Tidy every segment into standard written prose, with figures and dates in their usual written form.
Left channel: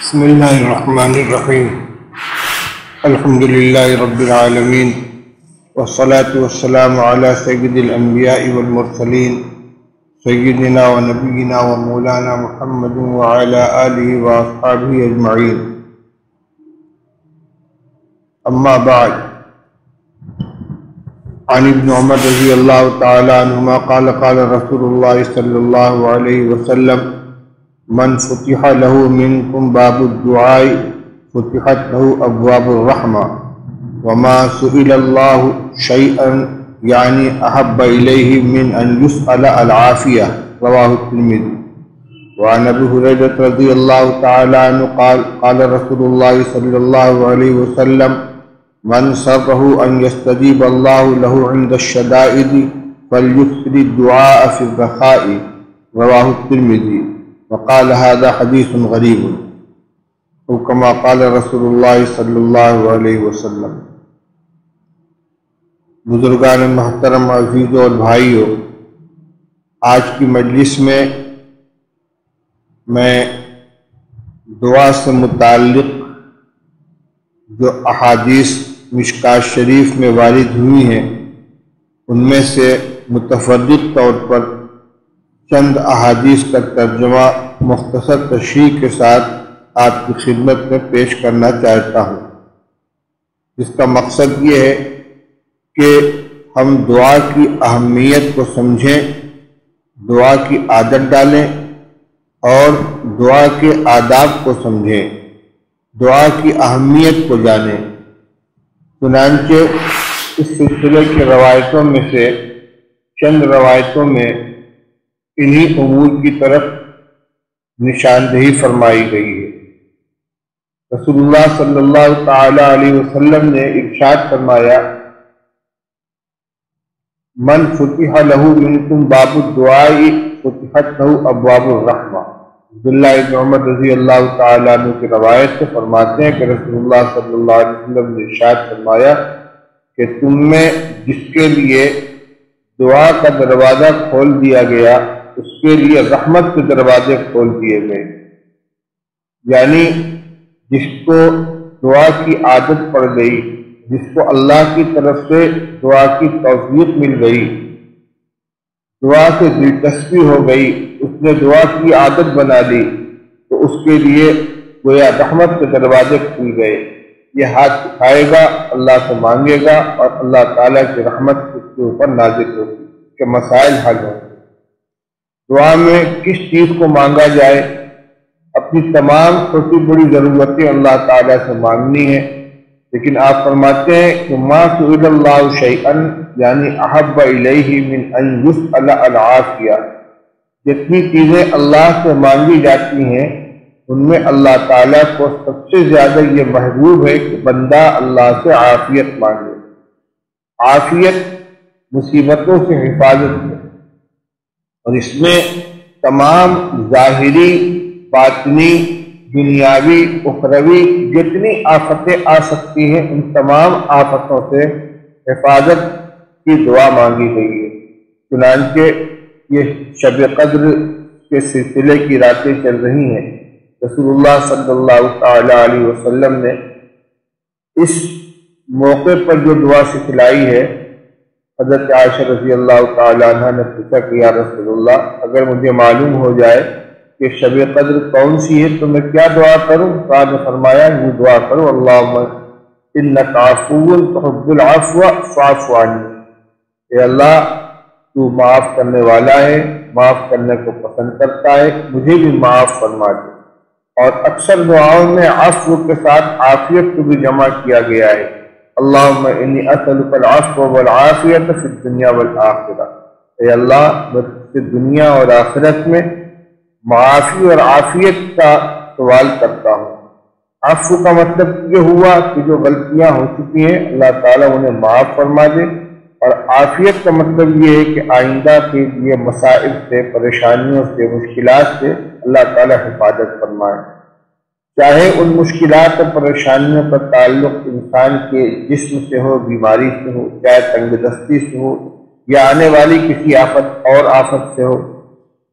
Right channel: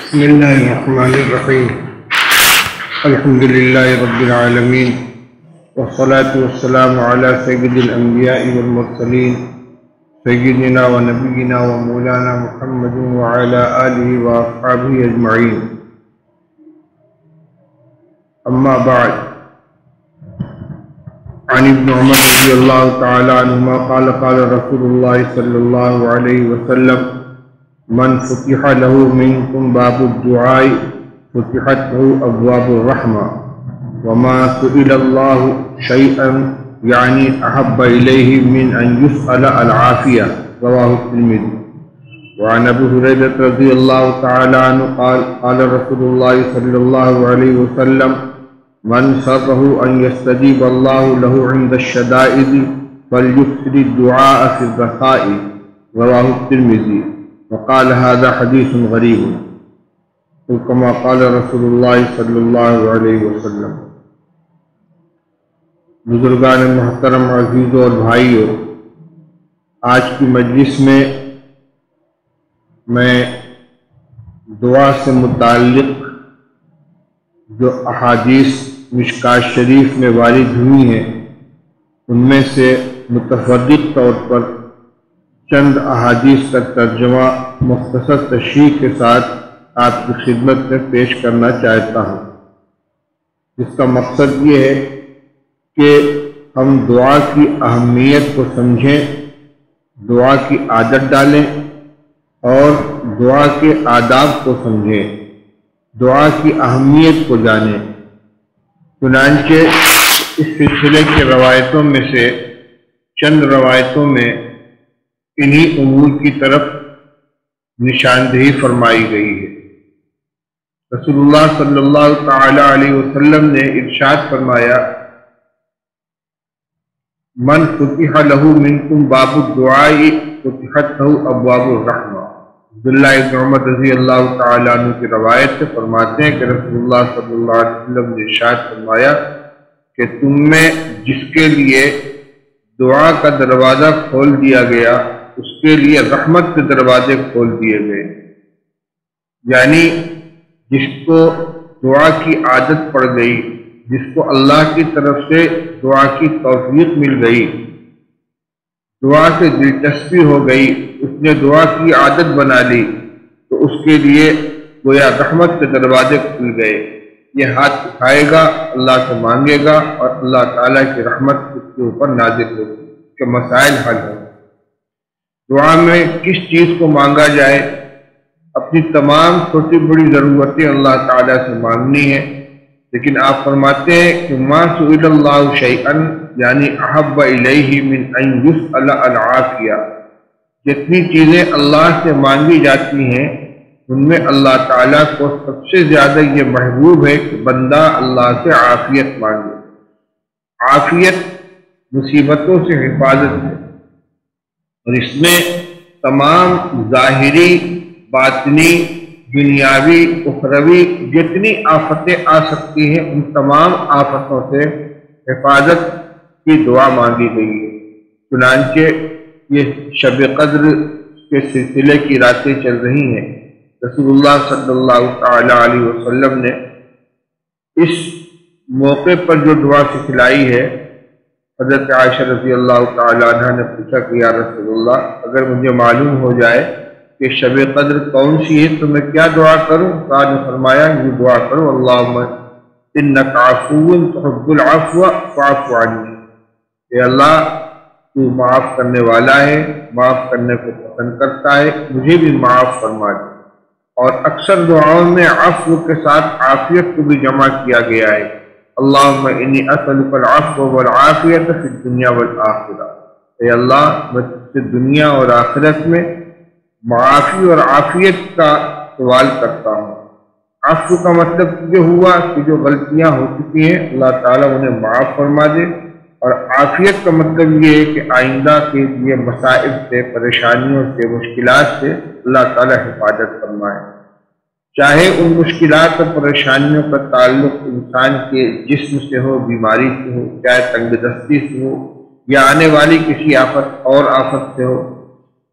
بسم اللہ الرحمن الرحیم الحمد للہ رب العالمین والصلاة والسلام علی سید الانبیاء والمرسلین سیدنا و نبینا و مولانا محمد وعلی آلہ و اصحابہ اجمعین اما بعد عن ابن عمر رضی اللہ تعالی عنہما قال قال رسول اللہ صلی اللہ علیہ وسلم من فتح له منكم باب الدعاء فتحت له ابواب الرحمة وما سئل الله شيئا يعني احب اليه من ان يسأل العافية رواه الترمذي وعن ابي هريرة رضي الله تعالى عنه قال قال رسول الله صلى الله عليه وسلم من سره ان يستجيب الله له عند الشدائد فليكثر الدعاء في الرخاء رواه الترمذي وقال هذا حدیث غریب او کما قال رسول اللہ صلی اللہ علیہ وسلم۔ بزرگان محترم، عزیزوں اور بھائیوں، آج کی مجلس میں دعا سے متعلق جو احادیث مشکوٰۃ شریف میں وارد ہوئی ہیں ان میں سے متفرق طور پر چند احادیث کا ترجمہ مختصر تشریح کے ساتھ آپ کی خدمت میں پیش کرنا چاہتا ہوں، جس کا مقصد یہ ہے کہ ہم دعا کی اہمیت کو سمجھیں، دعا کی عادت ڈالیں اور دعا کے آداب کو سمجھیں، دعا کی اہمیت کو جانیں۔ چنانچہ اس سلسلے کی روایتوں میں سے چند روایتوں میں انہی امور کی طرف نشاندہی فرمائی گئی ہے۔ رسول اللہ صلی اللہ تعالی علیہ وسلم نے ارشاد فرمایا، من فتح له منکم باب الدعاء فتحت له ابواب الرحمہ۔ عبداللہ ابن عمر رضی اللہ تعالی عنہ کی روایت سے فرماتے ہیں کہ رسول اللہ صلی اللہ علیہ وسلم نے ارشاد فرمایا کہ تم میں جس کے لیے دعا کا دروازہ کھول دیا گیا اس کے لیے رحمت کے دروازے کھول دیے گئے، یعنی جس کو دعا کی عادت پڑ گئی، جس کو اللہ کی طرف سے دعا کی توفیق مل گئی، دعا سے دلچسپی ہو گئی، اس نے دعا کی عادت بنا لی، تو اس کے لیے گویا رحمت کے دروازے کھل گئے۔ یہ ہاتھ اٹھائے گا، اللہ سے مانگے گا اور اللہ تعالیٰ کی رحمت اس کے اوپر نازل ہوگی کہ مسائل حل ہوں۔ دعا میں کس چیز کو مانگا جائے؟ اپنی تمام چھوٹی بڑی ضرورتیں اللہ تعالیٰ سے مانگنی ہے، لیکن آپ فرماتے ہیں کہ ما سئل اللہ شیئا یعنی احب الیہ من ان یسأل العافیہ، جتنی چیزیں اللہ سے مانگی جاتی ہیں ان میں اللہ تعالیٰ کو سب سے زیادہ یہ محبوب ہے کہ بندہ اللہ سے عافیت مانگے۔ عافیت مصیبتوں سے حفاظت ہے، اور اس میں تمام ظاہری، باطنی، دنیاوی، اخروی جتنی آفتیں آ سکتی ہیں ان تمام آفتوں سے حفاظت کی دعا مانگی گئی ہے۔ چنانچہ یہ شب قدر کے سلسلے کی راتیں چل رہی ہیں، رسول اللہ صلی اللہ تعالی علیہ وسلم نے اس موقع پر جو دعا سکھلائی ہے، حضرت عائشہ رضی اللہ تعالی عنہ نے پوچھا کہ یا رسول اللہ، اگر مجھے معلوم ہو جائے کہ شب قدر کون سی ہے تو میں کیا دعا کروں؟ تو آپ نے فرمایا یہ دعا کرو، اللہم انک عفو تحب العفو فاعف عنی، اے اللہ تو معاف کرنے والا ہے، معاف کرنے کو پسند کرتا ہے، مجھے بھی معاف فرما دے۔ اور اکثر دعاؤں میں عفو کے ساتھ عافیت کو بھی جمع کیا گیا ہے، اللہم انی اسألک العفو والعافیت فی الدنیا والآخرہ، اے اللہ میں تجھ سے دنیا اور آخرت میں معافی اور عافیت کا سوال کرتا ہوں۔ عفو کا مطلب یہ ہوا کہ جو غلطیاں ہو چکی ہیں اللہ تعالیٰ انہیں معاف فرما دے، اور عافیت کا مطلب یہ ہے کہ آئندہ کے لیے مسائل سے، پریشانیوں سے، مشکلات سے اللہ تعالیٰ حفاظت فرمائے۔ چاہے ان مشکلات اور پریشانیوں کا تعلق انسان کے جسم سے ہو، بیماری سے ہو، چاہے تنگ دستی سے ہو، یا آنے والی کسی آفت سے ہو،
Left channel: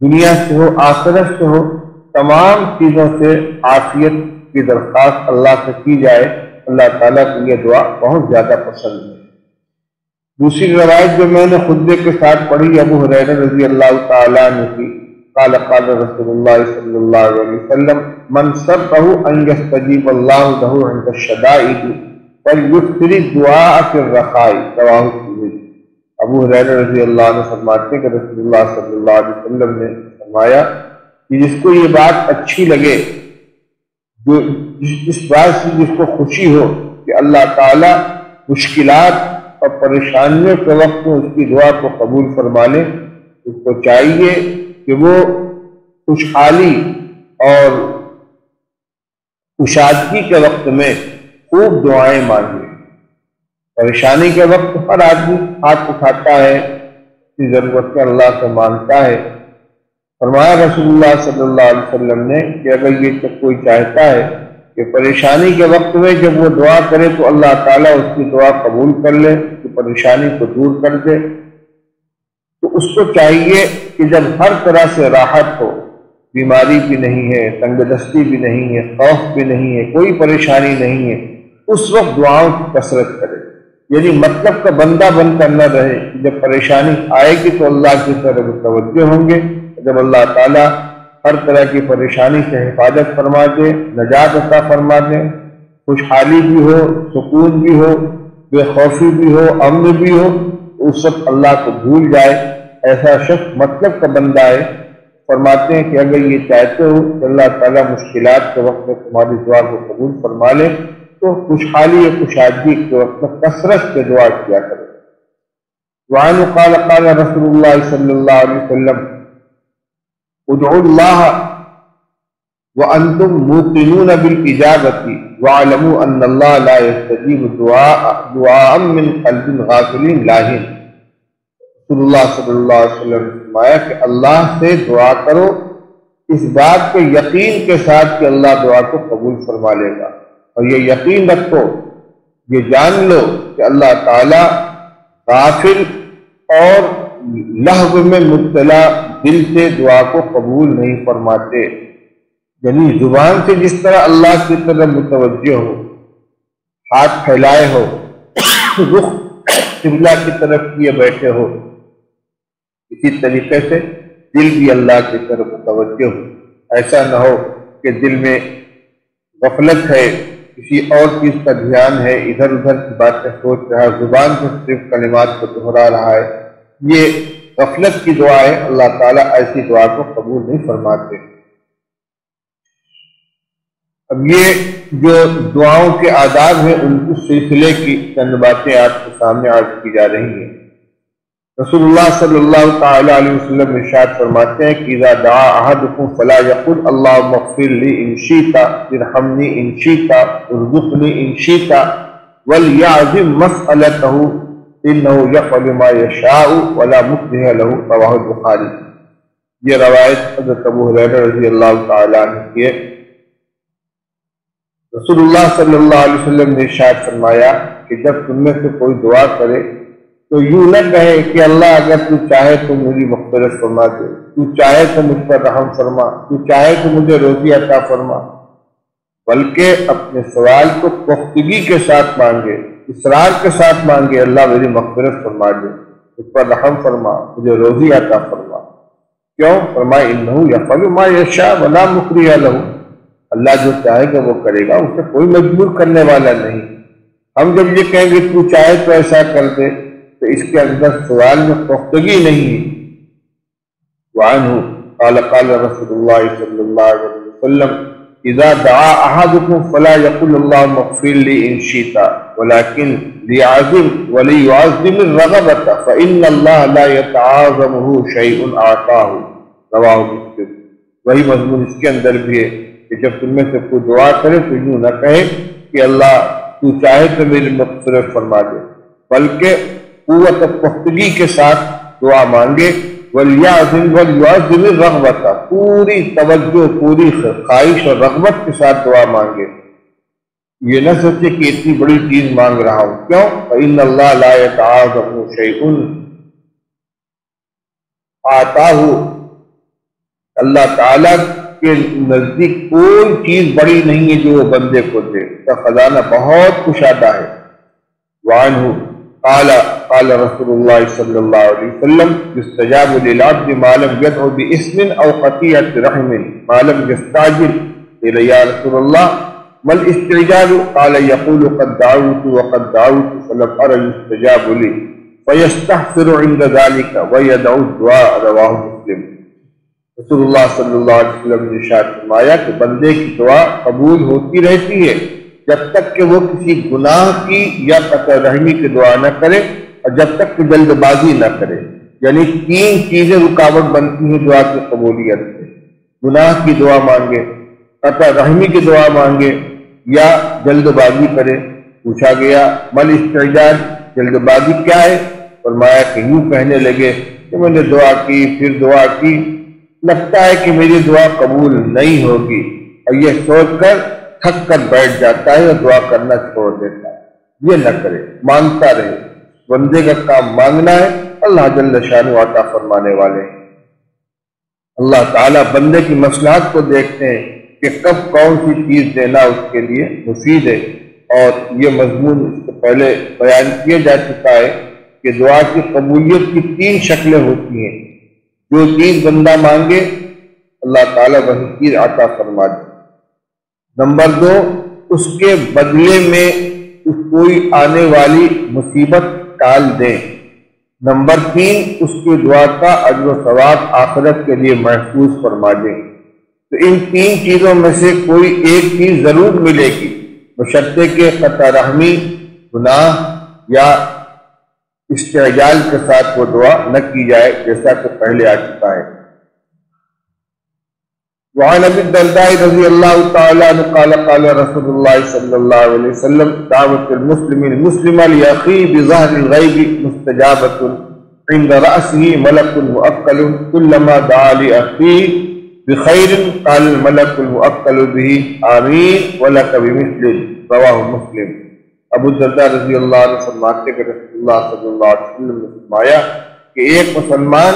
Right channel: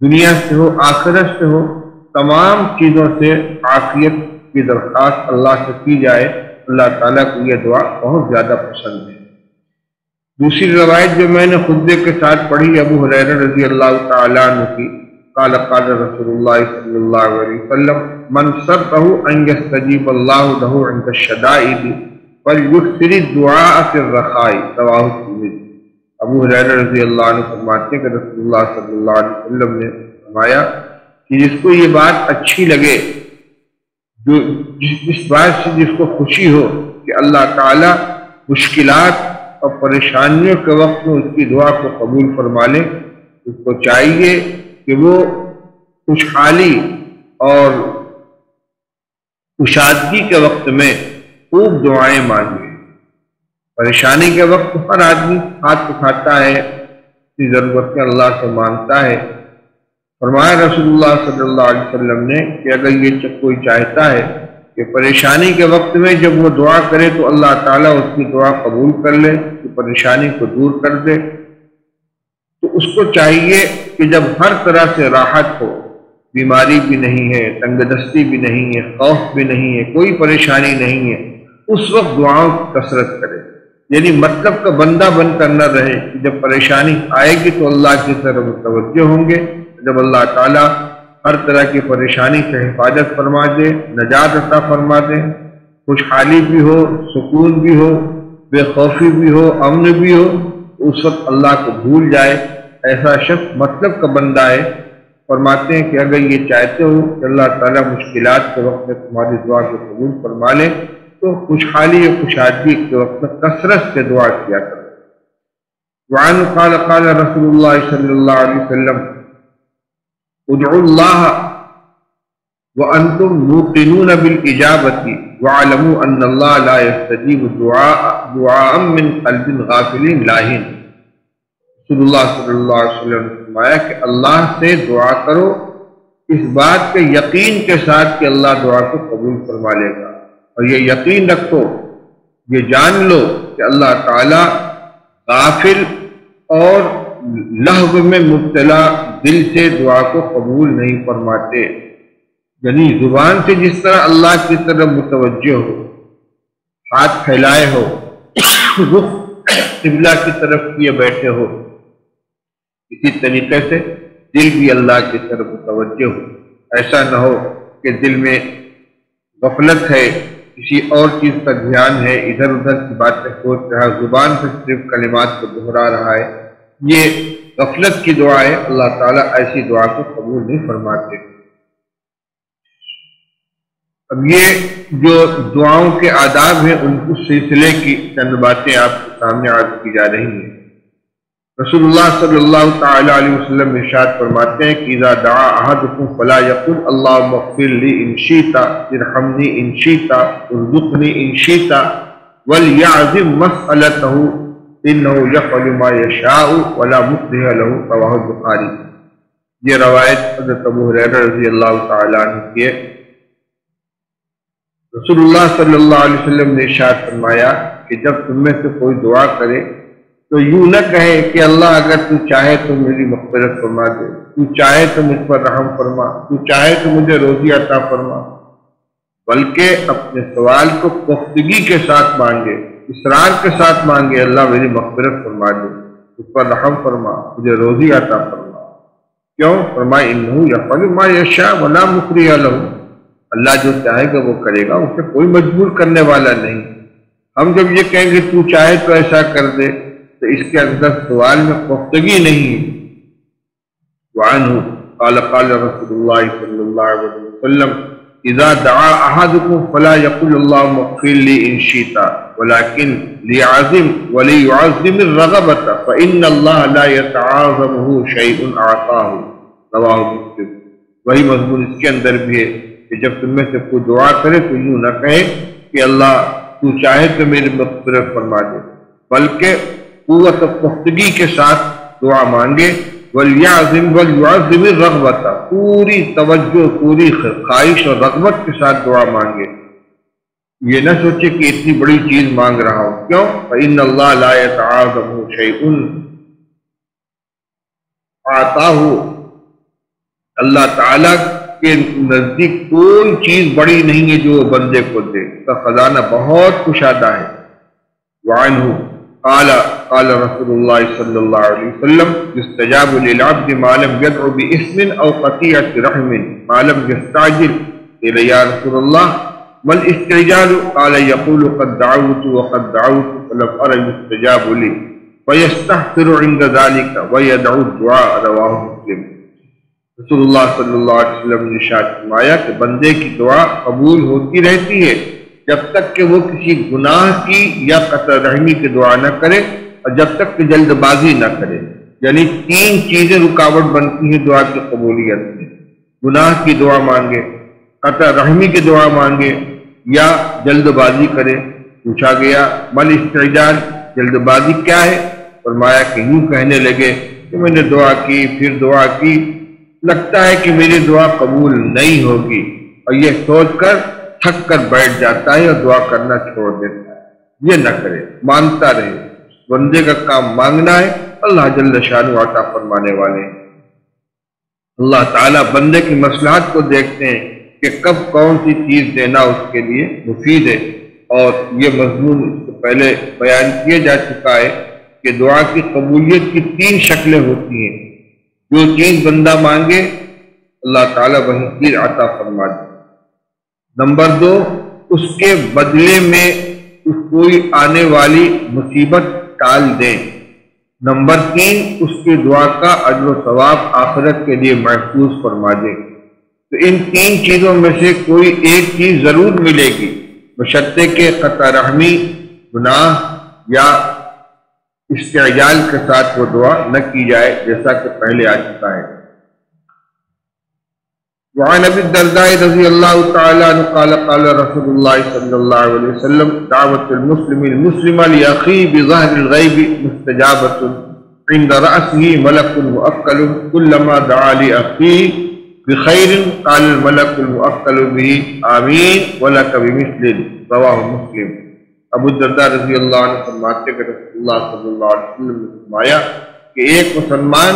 دنیا سے ہو، آخرت سے ہو، تمام چیزوں سے عافیت کی درخواست اللہ سے کی جائے، اللہ تعالیٰ کو یہ دعا بہت زیادہ پسند ہے۔ دوسری روایت جو میں نے خطبے کے ساتھ پڑھی ابو ہریرہ رضی اللہ تعالیٰ عنہ کی، قال قال رسول اللہ صلی اللہ علیہ وسلم من سرہ ان یستجیب اللہ لہ عند الشدائد فلیکثر الدعاء فی الرخاء، رواہ الترمذی۔ ابو ہریرہ رضی اللہ عنہ فرماتے ہیں کہ رسول اللہ صلی اللہ علیہ وسلم نے فرمایا کہ جس کو یہ بات اچھی لگے، جو اس بات سے جس کو خوشی ہو کہ اللہ تعالیٰ مشکلات اور پریشانیوں کے وقت میں اس کی دعا کو قبول فرما لے، اس کو چاہیے کہ وہ خوشحالی اور کشادگی کے وقت میں خوب دعائیں مانگے۔ پریشانی کے وقت ہر آدمی ہاتھ اٹھاتا ہے، اپنی ضرورت میں اللہ سے مانگتا ہے۔ فرمایا رسول اللہ صلی اللہ علیہ وسلم نے کہ اگر یہ کوئی چاہتا ہے کہ پریشانی کے وقت میں جب وہ دعا کرے تو اللہ تعالیٰ اس کی دعا قبول کر لے، کہ پریشانی کو دور کر دے، تو اس کو چاہیے کہ جب ہر طرح سے راحت ہو، بیماری بھی نہیں ہے، تنگ دستی بھی نہیں ہے، خوف بھی نہیں ہے، کوئی پریشانی نہیں ہے، اس وقت دعاؤں کی کثرت کرے۔ یعنی مطلب کا بندہ بن کر نہ رہے، جب پریشانی آئے گی تو اللہ کی طرف متوجہ ہوں گے، جب اللہ تعالیٰ ہر طرح کی پریشانی سے حفاظت فرما دے، نجات عطا فرما دے، خوشحالی بھی ہو، سکون بھی ہو، بے خوفی بھی ہو، امن بھی ہو، اس وقت اللہ کو بھول جائے، ایسا شخص مطلب کا بندہ ہے۔ فرماتے ہیں کہ اگر یہ چاہتے ہو کہ اللہ تعالیٰ مشکلات کے وقت میں تمہاری دعا کو قبول فرما لے تو خوشحالی اور کشادگی کے وقت میں کثرت سے دعا کیا کرو۔ وعنہ قال قال رسول اللہ صلی اللہ علیہ وسلم ادعوا اللہ وانتم موقنون بالاجابۃ واعلموا ان اللہ لا يستجیب دعاء من قلب غافل لاہن۔ رسول اللہ صلی اللہ علیہ وسلم نے فرمایا کہ اللہ سے دعا کرو اس بات کے یقین کے ساتھ کہ اللہ دعا کو قبول فرما لے گا، اور یہ یقین رکھو، یہ جان لو کہ اللہ تعالیٰ غافل اور لہو میں مبتلا دل سے دعا کو قبول نہیں فرماتے۔ یعنی زبان سے جس طرح اللہ کی طرف متوجہ ہو، ہاتھ پھیلائے ہو، رخ قبلہ کی طرف کیے بیٹھے ہو، اسی طریقے سے دل بھی اللہ کی طرف متوجہ ہو۔ ایسا نہ ہو کہ دل میں غفلت ہے، کسی اور چیز کا دھیان ہے، ادھر ادھر کی باتیں سوچ رہا، زبان سے صرف کلمات کو دہرا رہا ہے، یہ غفلت کی دعا ہے، اللہ تعالیٰ ایسی دعا کو قبول نہیں فرماتے۔ اب یہ جو دعاؤں کے آداب ہیں ان اس سلسلے کی چند باتیں آپ کے سامنے عرض کی جا رہی ہیں۔ رسول اللہ صلی اللہ تعالی علیہ وسلم ارشاد فرماتے ہیں کہ اذا دعا احدکم فلا یقل اللہم اغفر لی ان شئت ارحمنی ان شئت ارزقنی ان شئت ولیعظم مسئلتہ انہ یفعل ما یشاء ولا مکرہ لہ، رواہ البخاری۔ یہ روایت حضرت ابو ہریرہ رضی اللہ تعالی عنہ کی ہے۔ رسول اللہ صلی اللہ علیہ وسلم نے ارشاد فرمایا کہ جب تم میں سے کوئی دعا کرے تو یوں نہ کہے کہ اللہ اگر تو چاہے تو میری مغفرت فرما دے، تو چاہے تو مجھ پر رحم فرما، تو چاہے تو مجھے روزی عطا فرما، بلکہ اپنے سوال کو پختگی کے ساتھ مانگے، اصرار کے ساتھ مانگے، اللہ میری مغفرت فرما دے، مجھ پر رحم فرما، مجھے روزی عطا فرما۔ کیوں؟ فرمائے انہ یفعل ما یشاء ولا مکرہ لہ، اللہ جو چاہے گا وہ کرے گا، اسے کوئی مجبور کرنے والا نہیں۔ ہم جب یہ کہیں گے تو چاہے تو ایسا کر دے تو اس کے اندر سوال میں پختگی نہیں۔ وعنہ قال قال رسول اللہ صلی اللہ علیہ وسلم اذا دعا احدکم فلا یقل اللہم اغفر لی ان شئت ولکن لیعظم ولیعظم الرغبۃ فإن اللہ لا یتعاظمہ شیء اعطاہ، رواہ مسلم۔ وہی مضمون اس کے اندر بھی ہے کہ جب تم میں سے کوئی دعا کرے تو یوں نہ کہے کہ اللہ تو چاہے تو میری مغفرت فرما دے، بلکہ قوت و پختگی کے ساتھ دعا مانگے، وَلْيَعْظِمْ وَلْيُعَظِّمِ الرَّغْبَةَ، پوری توجہ، پوری خواہش اور رغبت کے ساتھ دعا مانگے۔ یہ نہ سوچے کہ اتنی بڑی چیز مانگ رہا ہوں، کیوں؟ فَإِنَّ اللَّهَ لَا يَتَعَاظَمُ شَيْءٌ آتَاهُ، اللہ تعالیٰ کے نزدیک کوئی چیز بڑی نہیں ہے جو وہ بندے کو دے، اس کا خزانہ بہت کشادہ ہے۔ وعنہ قال قال رسول اللہ صلی اللہ علیہ وسلم يستجاب للعبد ما لم يدع باسم او قطيعة رحم ما لم يستعجل. قيل يا رسول الله ما الاستعجال؟ قال يقول قد دعوت وقد دعوت فلم ارى يستجاب لي فيستغفر عند ذلك ويدعو الدعاء. رواه مسلم. رسول اللہ صلی اللہ علیہ وسلم نے ارشاد فرمایا کہ بندے کی دعا قبول ہوتی رہتی ہے جب تک کہ وہ کسی گناہ کی یا قطع رحمی کی دعا نہ کرے اور جب تک کہ جلد بازی نہ کرے. یعنی تین چیزیں رکاوٹ بنتی ہیں دعا کی قبولیت میں: گناہ کی دعا مانگے، قطع رحمی کی دعا مانگے یا جلد بازی کرے. پوچھا گیا مل استعجال، جلد بازی کیا ہے؟ فرمایا کہ یوں کہنے لگے کہ میں نے دعا کی، پھر دعا کی، لگتا ہے کہ میری دعا قبول نہیں ہوگی، اور یہ سوچ کر تھک کر بیٹھ جاتا ہے اور دعا کرنا چھوڑ دیتا ہے. یہ نہ کرے، مانگتا رہے. بندے کا کام مانگنا ہے، اللہ جل شانہ عطا فرمانے والے ہیں. اللہ تعالیٰ بندے کی مصلحت کو دیکھتے ہیں کہ کب کون سی چیز دینا اس کے لیے مفید ہے. اور یہ مضمون اس سے پہلے بیان کیا جا چکا ہے کہ دعا کی قبولیت کی تین شکلیں ہوتی ہیں. جو چیز بندہ مانگے اللہ تعالیٰ وہی چیز عطا فرما دے. نمبر 2، اس کے بدلے میں اس کوئی آنے والی مصیبت ٹال دے. نمبر 3، اس کی دعا کا اجر و ثواب آخرت کے لیے محفوظ فرما دے. تو ان تین چیزوں میں سے کوئی ایک چیز ضرور ملے گی، بشرطے کہ قطع رحمی، گناہ یا استعجال کے ساتھ وہ دعا نہ کی جائے، جیسا کہ پہلے آ چکا ہے. وعن ابی الدرداء رضی اللہ تعالی عنہ قال قال رسول اللہ صلی اللہ علیہ وسلم دعوت المسلم المسلم لأخیہ بظاہر الغیب مستجابۃ عند رأسہ ملک مؤکل کلما دعا لأخیہ بخیر قال الملک المؤکل بہ آمین ولک بمثل. رواہ مسلم. ابو الدرداء رضی اللہ عنہ فرماتے کہ رسول اللہ صلی اللہ علیہ وسلم نے فرمایا کہ ایک مسلمان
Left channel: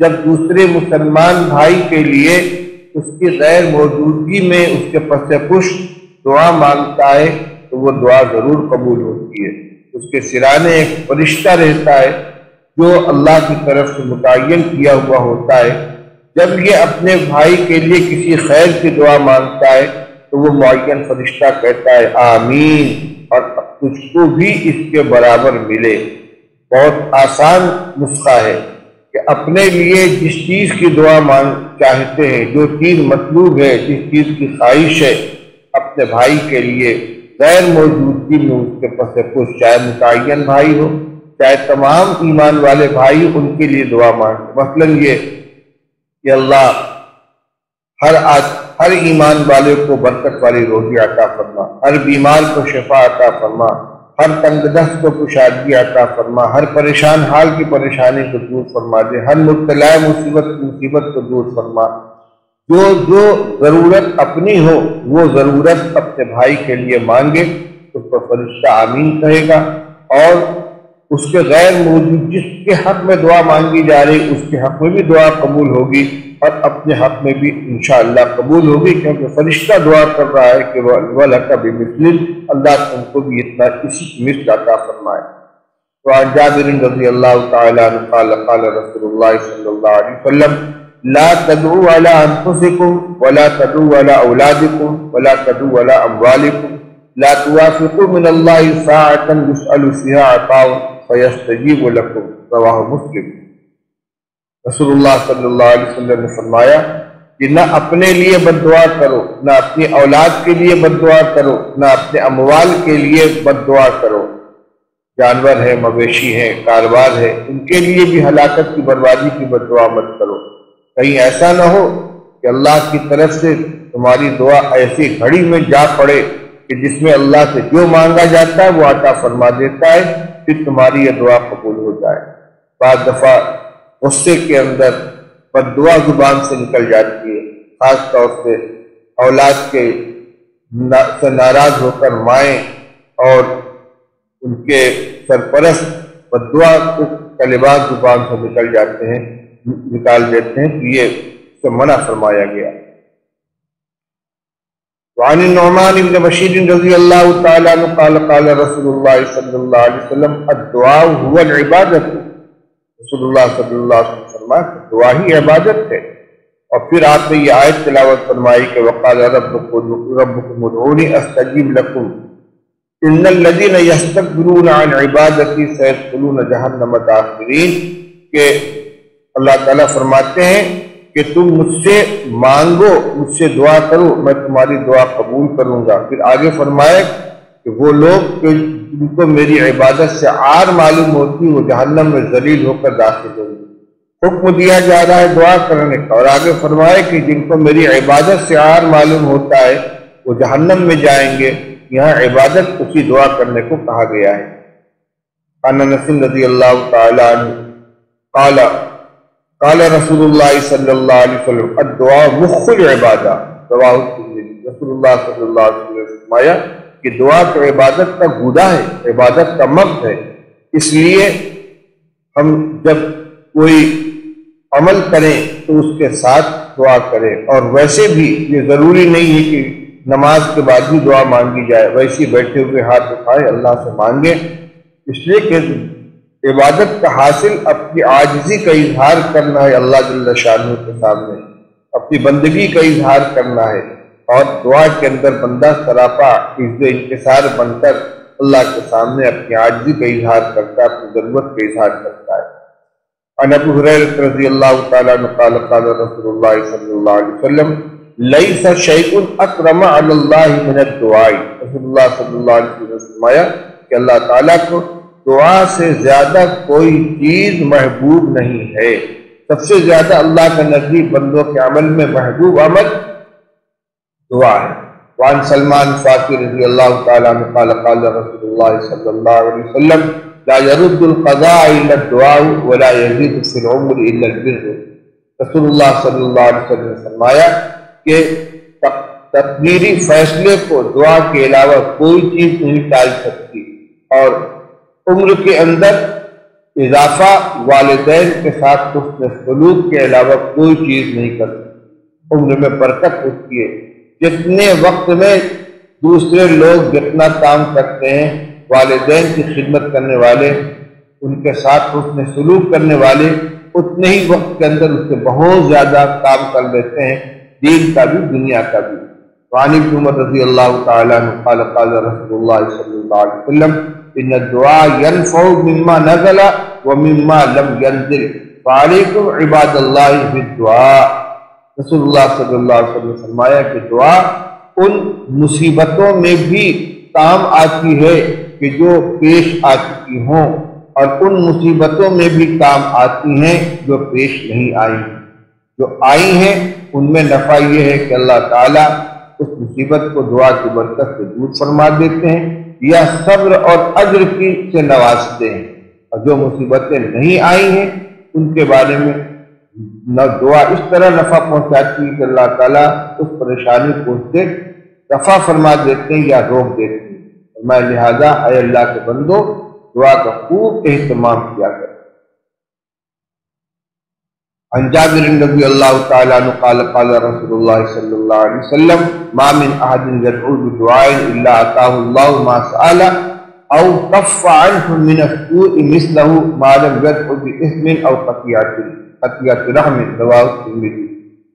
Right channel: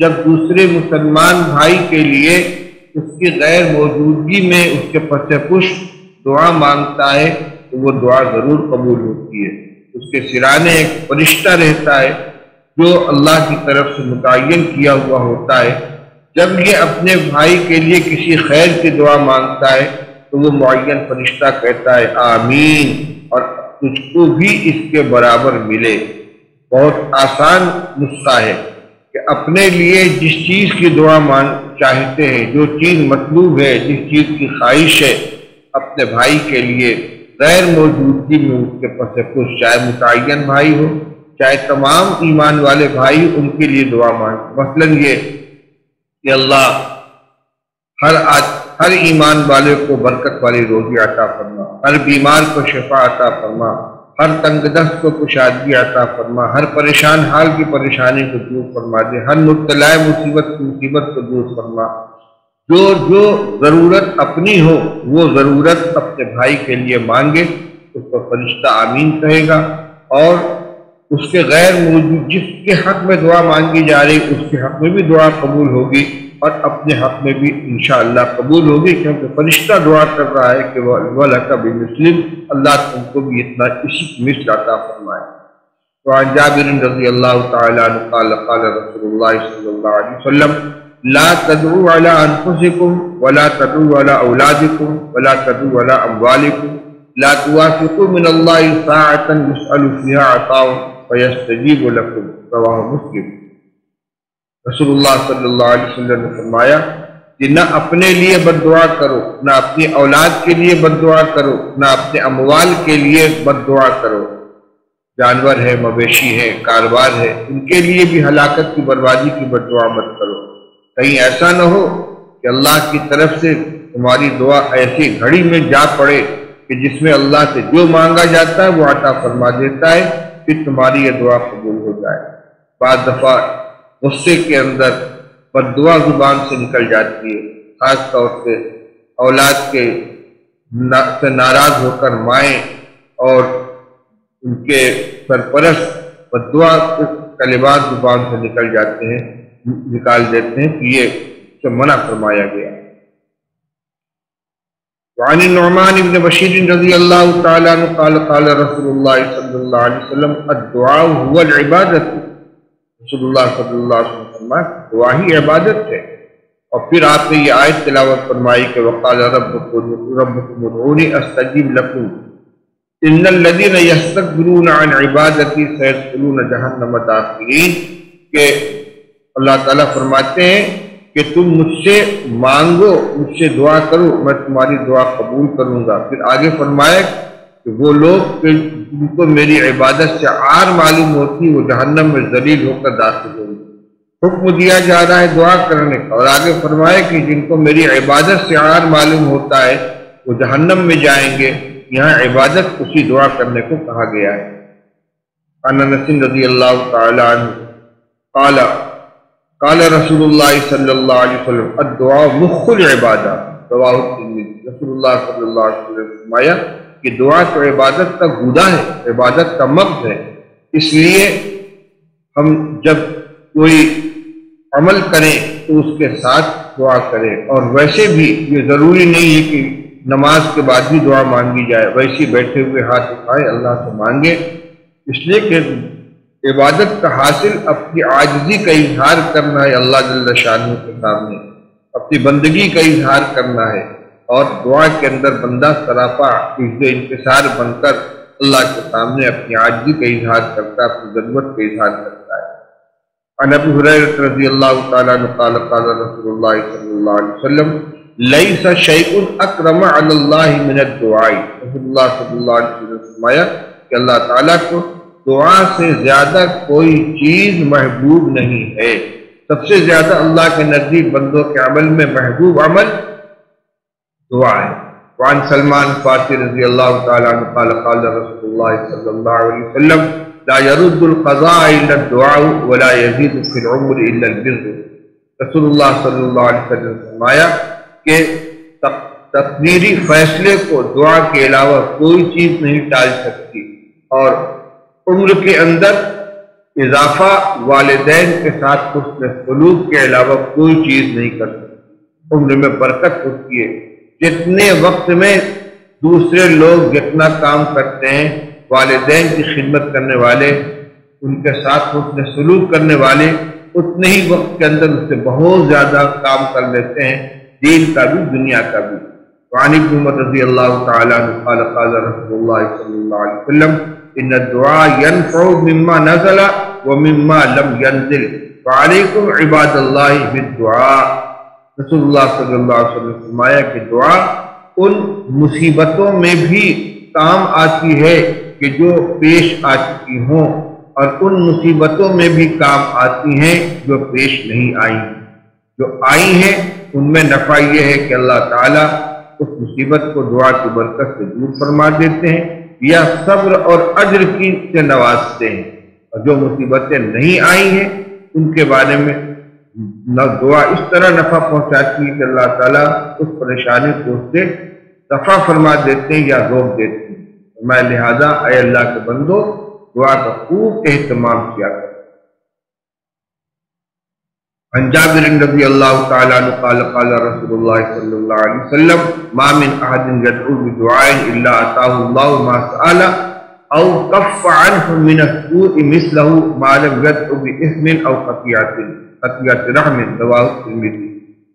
جب دوسرے مسلمان بھائی کے لیے اس کی غیر موجودگی میں اس کے پس پش دعا مانگتا ہے تو وہ دعا ضرور قبول ہوتی ہے. اس کے سرانے ایک فرشتہ رہتا ہے جو اللہ کی طرف سے متعین کیا ہوا ہوتا ہے. جب یہ اپنے بھائی کے لیے کسی خیر کی دعا مانگتا ہے تو وہ معین فرشتہ کہتا ہے آمین، اور تجھ کو بھی اس کے برابر ملے. بہت آسان نسخہ ہے کہ اپنے لیے جس چیز کی دعا چاہتے ہیں، جو چیز مطلوب ہے، جس چیز کی خواہش ہے، اپنے بھائی کے لیے غیر موجودگی میں اس کے پس پش، چاہے متعین بھائی ہو چاہے تمام ایمان والے بھائی، ان کے لیے دعا مانگے. مثلاً یہ کہ اللہ ہر ایمان والے کو برکت والی روزی عطا فرما، ہر بیمار کو شفا عطا فرما، ہر تنگ دست کو کشادگی عطا فرما، ہر پریشان حال کی پریشانی کو دور فرما دے، ہر مبتلا مصیبت کو دور فرما. جو ضرورت اپنی ہو وہ ضرورت اپنے بھائی کے لیے مانگے، اس پر فرشتہ آمین کہے گا، اور اس کے غیر موجود جس کے حق میں دعا مانگی جا رہی اس کے حق میں بھی دعا قبول ہوگی، اور اپنے حق میں بھی انشاءاللہ قبول ہوگی، کیونکہ فرشتہ دعا کر رہا ہے کہ وَلَكَ بِمِثْلٍ، اللہ تم کو بھی اتنا اسی کی مثل عطا فرمائے. وعن جابر رضی اللہ تعالی عنہ قال قال رسول اللہ صلی اللہ علیہ وسلم لا تدعوا على انفسكم ولا تدعوا على اولادكم ولا تدعوا على اموالكم لا توافقوا من الله ساعة يسأل فيها عطاء فيستجيب لكم. رواہ مسلم. رسول اللہ صلی اللہ علیہ وسلم نے فرمایا کہ نہ اپنے لیے بد دعا کرو، نہ اپنی اولاد کے لیے بد دعا کرو، نہ اپنے اموال کے لیے بد دعا کرو. جانور ہے، مویشی ہے، کاروبار ہے، ان کے لیے بھی ہلاکت کی بربادی کی بد دعا مت کرو. کہیں ایسا نہ ہو کہ اللہ کی طرف سے تمہاری دعا ایسی گھڑی میں جا پڑے کہ جس میں اللہ سے جو مانگا جاتا ہے وہ عطا فرما دیتا ہے، پھر تمہاری یہ دعا قبول ہو جائے. بعض دفعہ غصے کے اندر بد دعا زبان سے نکل جاتی ہے، خاص طور سے اولاد کے سے ناراض ہو کر مائیں اور ان کے سرپرست بد دعا کلمات زبان سے نکال دیتے ہیں کہ یہ سے منع فرمایا گیا. وعن النعمان بن بشیر رضی اللہ تعالی عنہ قال قال رسول اللہ صلی اللہ علیہ وسلم الدعاء هو العبادت، رسول اللہ صلی اللہ علیہ وسلم فرمایا دعا ہی عبادت ہے۔ اور پھر آپ نے یہ آیت تلاوت فرمائی کہ وقال ربکم ادعونی استجیب لکم ان الذین یستکبرون عن عبادتی سیدخلون جہنم داخرین، کہ اللہ تعالیٰ فرماتے ہیں کہ تم مجھ سے مانگو، مجھ سے دعا کرو، میں تمہاری دعا قبول کروں گا۔ پھر آگے فرمائے کہ وہ لوگ کہ جن کو میری عبادت سے عار معلوم ہوتی وہ جہنم میں ذلیل ہو کر داخل ہوں گے۔ حکم دیا جا رہا ہے دعا کرنے کا، اور آگے فرمائے کہ جن کو میری عبادت سے عار معلوم ہوتا ہے وہ جہنم میں جائیں گے۔ یہاں عبادت اسی دعا کرنے کو کہا گیا ہے۔ عن انس رضی اللہ تعالی عنہ قال قال رسول اللہ صلی اللہ علیہ وسلم الدعاء مخ العبادہ، رواہ الترمذی، رسول اللہ صلی اللہ علیہ وسلم نے فرمایا کہ دعا تو عبادت کا گودا ہے، عبادت کا مغز ہے۔ اس لیے ہم جب کوئی عمل کریں تو اس کے ساتھ دعا کریں، اور ویسے بھی یہ ضروری نہیں ہے کہ نماز کے بعد بھی دعا مانگی جائے، ویسے بیٹھے ہوئے ہاتھ اٹھائے اللہ سے مانگیں، اس لیے کہ عبادت کا حاصل اپنی عاجزی کا اظہار کرنا ہے اللہ جل شانہ کے سامنے، اپنی بندگی کا اظہار کرنا ہے، اور دعا کے اندر بندہ سراپا عزت انکسار بن کر اللہ کے سامنے اپنی عاجزی کا اظہار کرتا ہے، اپنی ضرورت کا اظہار کرتا ہے۔ عن ابی ہریرہ رضی اللہ تعالی عنہ قال قال رسول اللہ صلی اللہ علیہ وسلم لیس شیء اکرم علی اللہ من الدعاء، رسول اللہ صلی اللہ علیہ وسلم نے فرمایا کہ اللہ تعالیٰ کو دعا سے زیادہ کوئی چیز محبوب نہیں ہے۔ سب سے زیادہ اللہ کے نزدیک بندوں کے عمل میں محبوب عمل دعا ہے۔ وعن سلمان فارسی رضی اللہ تعالی عنہ قال قال رسول اللہ صلی اللہ علیہ وسلم لا يرد القضاء الا الدعاء ولا يزيد في العمر الا البر، رسول اللہ صلی اللہ علیہ وسلم نے فرمایا کہ تقدیری فیصلے کو دعا کے علاوہ کوئی چیز نہیں ٹال سکتی، اور عمر کے اندر اضافہ والدین کے ساتھ حسن سلوک کے علاوہ کوئی چیز نہیں کر سکتی۔ عمر میں برکت ہوتی ہے، جتنے وقت میں دوسرے لوگ جتنا کام کرتے ہیں، والدین کی خدمت کرنے والے، ان کے ساتھ حسن سلوک کرنے والے اتنے ہی وقت کے اندر اس سے بہت زیادہ کام کر لیتے ہیں، دین کا بھی دنیا کا بھی۔ وعن ابن عمر رضی اللہ تعالی عنہ قال قال رسول اللہ صلی اللہ علیہ وسلم ان الدعاء ينفع مما نزل ومما لم ينزل فعليكم عباد اللہ بالدعاء، رسول اللہ صلی اللہ علیہ وسلم نے فرمایا کہ دعا ان مصیبتوں میں بھی کام آتی ہے کہ جو پیش آ چکی ہوں، اور ان مصیبتوں میں بھی کام آتی ہیں جو پیش نہیں آئی ہیں۔ جو آئی ہیں ان میں نفع یہ ہے کہ اللہ تعالیٰ اس مصیبت کو دعا کی برکت سے دور فرما دیتے ہیں، یا صبر اور اجر کی سے نوازتے ہیں، اور جو مصیبتیں نہیں آئی ہیں ان کے بارے میں دعا اس طرح نفع پہنچاتی ہے کہ اللہ تعالیٰ اس پریشانی کو اس سے دفع فرما دیتے ہیں یا روک دیتے ہیں۔ میں لہذا اے اللہ کے بندو دعا کا خوب اہتمام کیا کرو۔ عن جابر رضی اللہ تعالی عنہ قال قال رسول اللہ صلی اللہ علیہ وسلم ما من احد يدعو بدعاء الا اتاه الله ما سأل او كف عنه من السوء مثله ما لم يدعو باثم او قطيعة رحم، رواه الترمذی،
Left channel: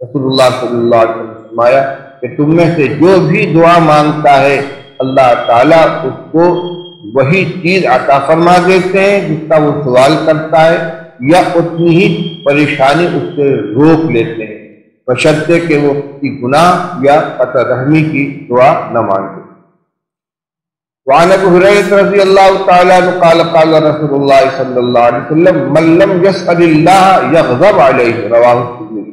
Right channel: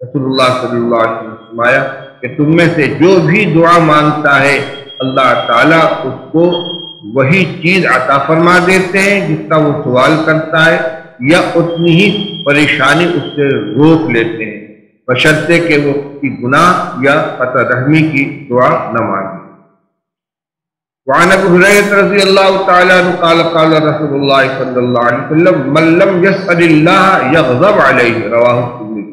رسول اللہ صلی اللہ علیہ وسلم نے فرمایا کہ تم میں سے جو بھی دعا مانگتا ہے اللہ تعالیٰ اس کو وہی چیز عطا فرما دیتے ہیں جس کا وہ سوال کرتا ہے، یا اتنی ہی پریشانی اس سے روک لیتے ہیں، بشرطے کہ وہ کی گناہ یا قطع رحمی کی دعا نہ مانگے۔ وعن ابی ہریرہ رضی اللہ تعالی عنہ قال قال رسول اللہ صلی اللہ علیہ وسلم من لم يسأل اللہ یغضب علیہ، رواہ الترمذی،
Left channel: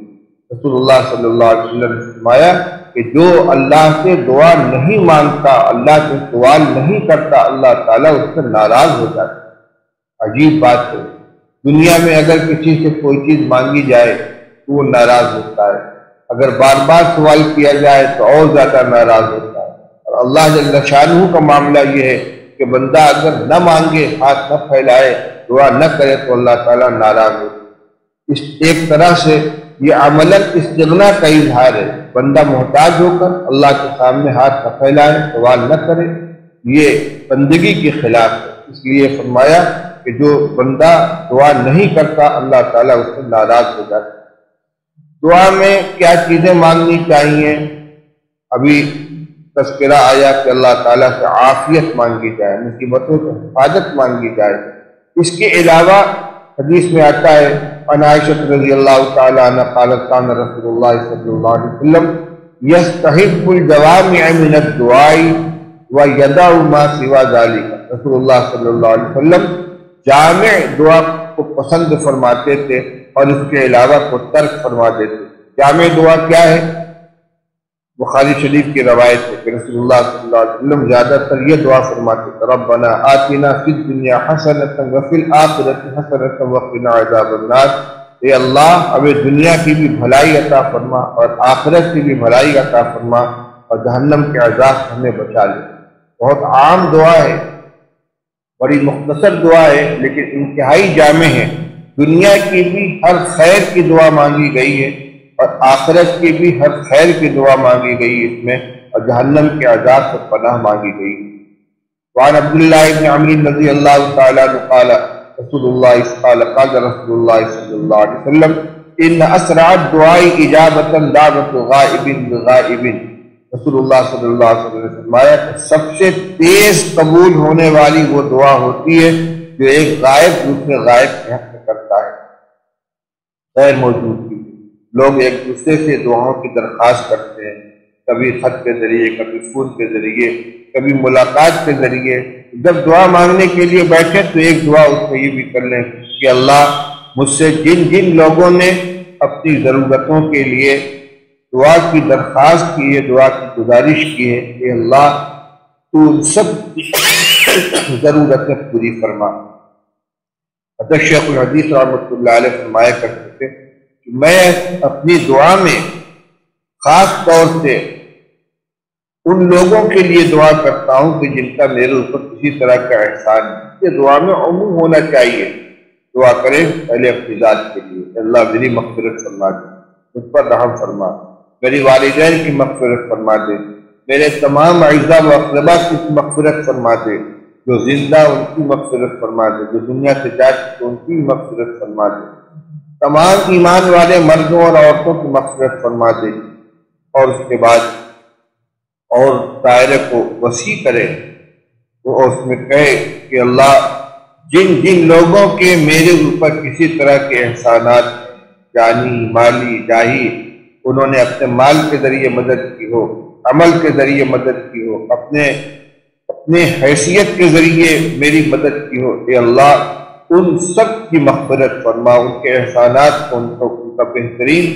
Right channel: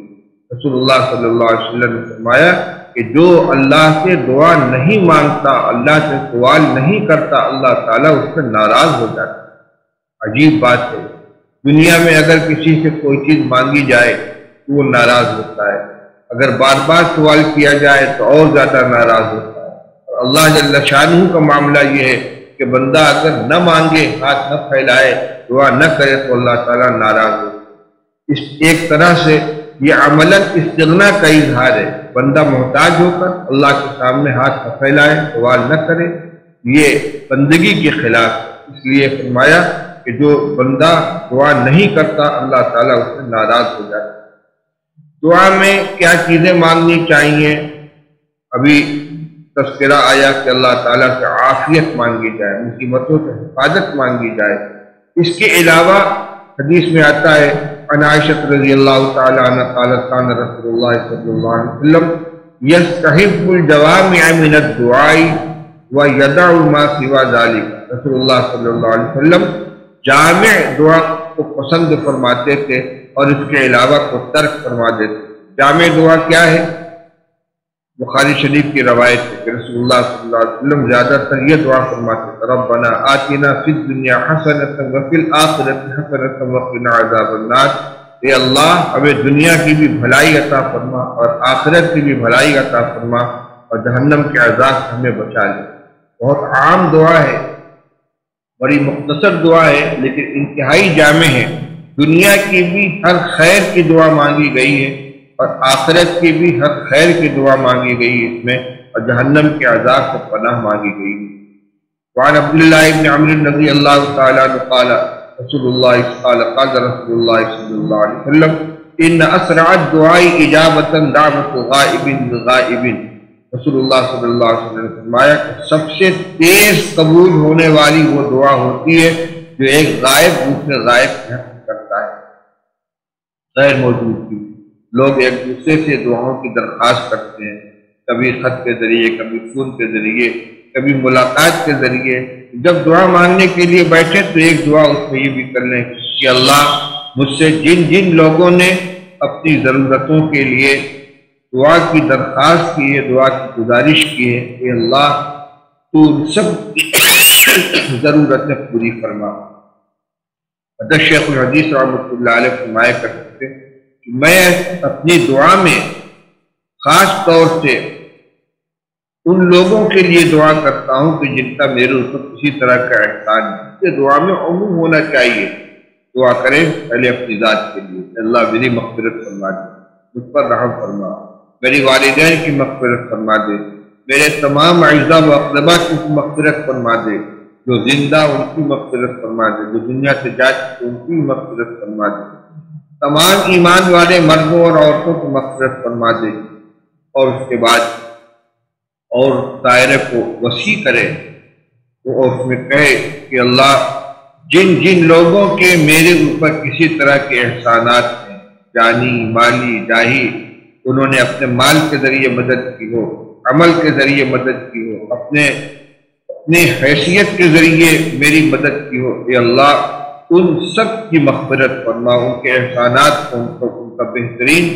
رسول اللہ صلی اللہ علیہ وسلم نے فرمایا کہ جو اللہ سے دعا نہیں مانگتا، اللہ سے سوال نہیں کرتا، اللہ تعالیٰ اس سے ناراض ہو جاتا ہے۔ عجیب بات ہے، دنیا میں اگر کسی سے کوئی چیز مانگی جائے تو وہ ناراض ہوتا ہے، اگر بار بار سوال کیا جائے تو اور زیادہ ناراض ہوتا ہے، اور اللہ جل شانہ کا معاملہ یہ ہے کہ بندہ اگر نہ مانگے، ہاتھ نہ پھیلائے، دعا نہ کرے تو اللہ تعالیٰ ناراض ہوتا ہے۔ اس ایک طرح سے یہ عملاً استغنا کا اظہار ہے۔ بندہ محتاج ہو کر اللہ کے سامنے ہاتھ نہ پھیلائے، سوال نہ کرے، یہ بندگی کے خلاف ہے۔ اس لیے فرمایا کہ جو بندہ دعا نہیں کرتا اللہ تعالیٰ اس سے ناراض ہو جاتا ہے۔ دعا میں کیا چیزیں مانگنی چاہیے؟ ابھی تذکرہ آیا کہ اللہ تعالیٰ سے عافیت مانگی جائے، مصیبتوں سے حفاظت مانگی جائے۔ اس کے علاوہ حدیث میں آتا ہے عن عائشہ رضی اللہ تعالی عنہ قالت کان رسول اللہ صلی اللہ علیہ وسلم یستحب الجوامع من الدعاء ویدع ما سوا ذلك۔ رسول اللہ صلی اللہ علیہ وسلم جامع دعا کو پسند فرماتے تھے اور اس کے علاوہ کو ترک فرما دیتے تھے۔ جامع دعا کیا ہے؟ بخاری شریف کی روایت ہے کہ رسول اللہ صلی اللہ علیہ وسلم زیادہ تر یہ دعا فرماتے تھے ربنا آتنا فی الدنیا حسنۃ وفی الآخرۃ حسنۃ وقنا عذاب النار۔ اے اللہ ہمیں دنیا کی بھی بھلائی عطا فرما اور آخرت کی بھی بھلائی عطا فرما اور جہنم کے عذاب سے ہمیں بچا لے۔ بہت عام دعا ہے، بڑی مختصر دعا ہے لیکن انتہائی جامع ہے۔ دنیا کی بھی ہر خیر کی دعا مانگی گئی ہے اور آخرت کی بھی ہر خیر کی دعا مانگی گئی اس میں، اور جہنم کے عذاب سے پناہ مانگی گئی۔ وعن عبداللہ ابن عمرو رضی اللہ تعالی عنہ قال رسول اللہ قال رسول اللہ صلی اللہ علیہ وسلم ان اسرع الدعاء اجابۃ دعوۃ غائب بغائب۔ رسول اللہ صلی اللہ علیہ وسلم نے فرمایا کہ سب سے تیز قبول ہونے والی وہ دعا ہوتی ہے جو ایک غائب دوسرے غائب کے حق میں کرتا ہے، غیر موجود کی۔ لوگ ایک دوسرے سے دعاؤں کی درخواست کرتے ہیں، کبھی خط کے ذریعے، کبھی فون کے ذریعے، کبھی ملاقات کے ذریعے۔ جب دعا مانگنے کے لیے بیٹھے تو ایک دعا اس میں یہ بھی کر لیں کہ اللہ مجھ سے جن جن لوگوں نے اپنی ضرورتوں کے لیے دعا کی درخواست کی ہے، دعا کی گزارش کی ہے، کہ اللہ تو ان سب کی ضرورتیں پوری فرما۔ حضرت شیخ الحدیث رحمۃ اللہ علیہ فرمایا کرتے تھے کہ میں اپنی دعا میں خاص طور سے ان لوگوں کے لیے دعا کرتا ہوں کہ جن کا میرے اوپر کسی طرح کا احسان ہے۔ یہ دعا میں عموم ہونا چاہیے۔ دعا کریں پہلے اپنی ذات کے لیے، اللہ میری مغفرت فرما دے، مجھ پر رحم فرما، میری والدین کی مغفرت فرما دے، میرے تمام اعزاء و اقربا کی مغفرت فرما دے، جو زندہ ان کی مغفرت فرما دے، جو دنیا سے جا چکے ان کی مغفرت فرما دے، تمام ایمان والے مردوں اور عورتوں کی مغفرت فرما دے، اور اس کے بعد اور دائرے کو وسیع کرے اور اس میں کہے کہ اللہ جن جن لوگوں کے میرے اوپر کسی طرح کے احسانات ہیں، جانی مالی جاہی، انہوں نے اپنے مال کے ذریعے مدد کی ہو، عمل کے ذریعے مدد کی ہو، اپنے حیثیت کے ذریعے میری مدد کی ہو، اے اللہ ان سب کی مغفرت فرما، ان کے احسانات کو ان کا بہترین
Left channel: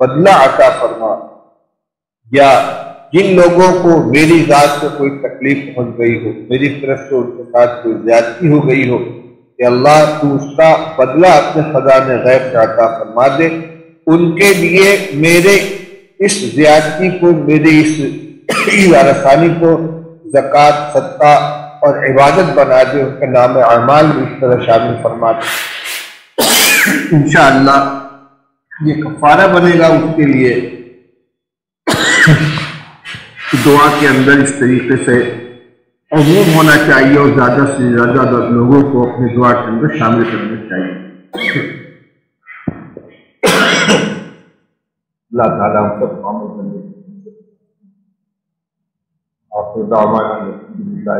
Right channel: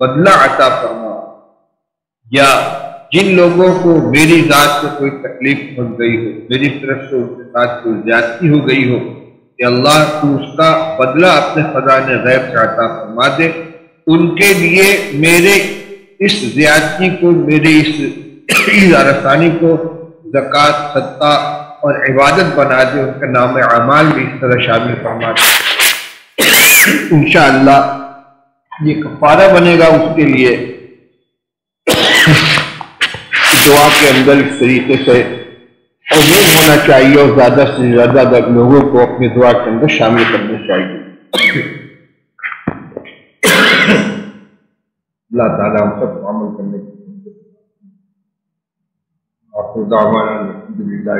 بدلہ عطا فرما۔ یا جن لوگوں کو میری ذات سے کوئی تکلیف پہنچ گئی ہو، میری طرف سے ان کے ساتھ کوئی زیادتی ہو گئی ہو، کہ اللہ تو اس کا بدلہ اپنے خزانے غیب سے عطا فرما دے، ان کے لیے میرے اس زیادتی کو، میری اس رسانی کو زکوٰۃ، صدقہ اور عبادت بنا دے، ان کا نام اعمال بھی اس طرح شامل فرما دے۔ انشاءاللہ یہ کفارہ بنے گا اس کے لیے۔ دعا کے اندر اس طریقے سے عموم ہونا چاہیے اور زیادہ سے زیادہ لوگوں کو اپنی دعا کے اندر شامل کرنا چاہیے۔ اللہ تعالیٰ ہم سب کو عمل کرنے کی توفیق عطا فرمائے۔ آخر دعوانا الحمدللہ۔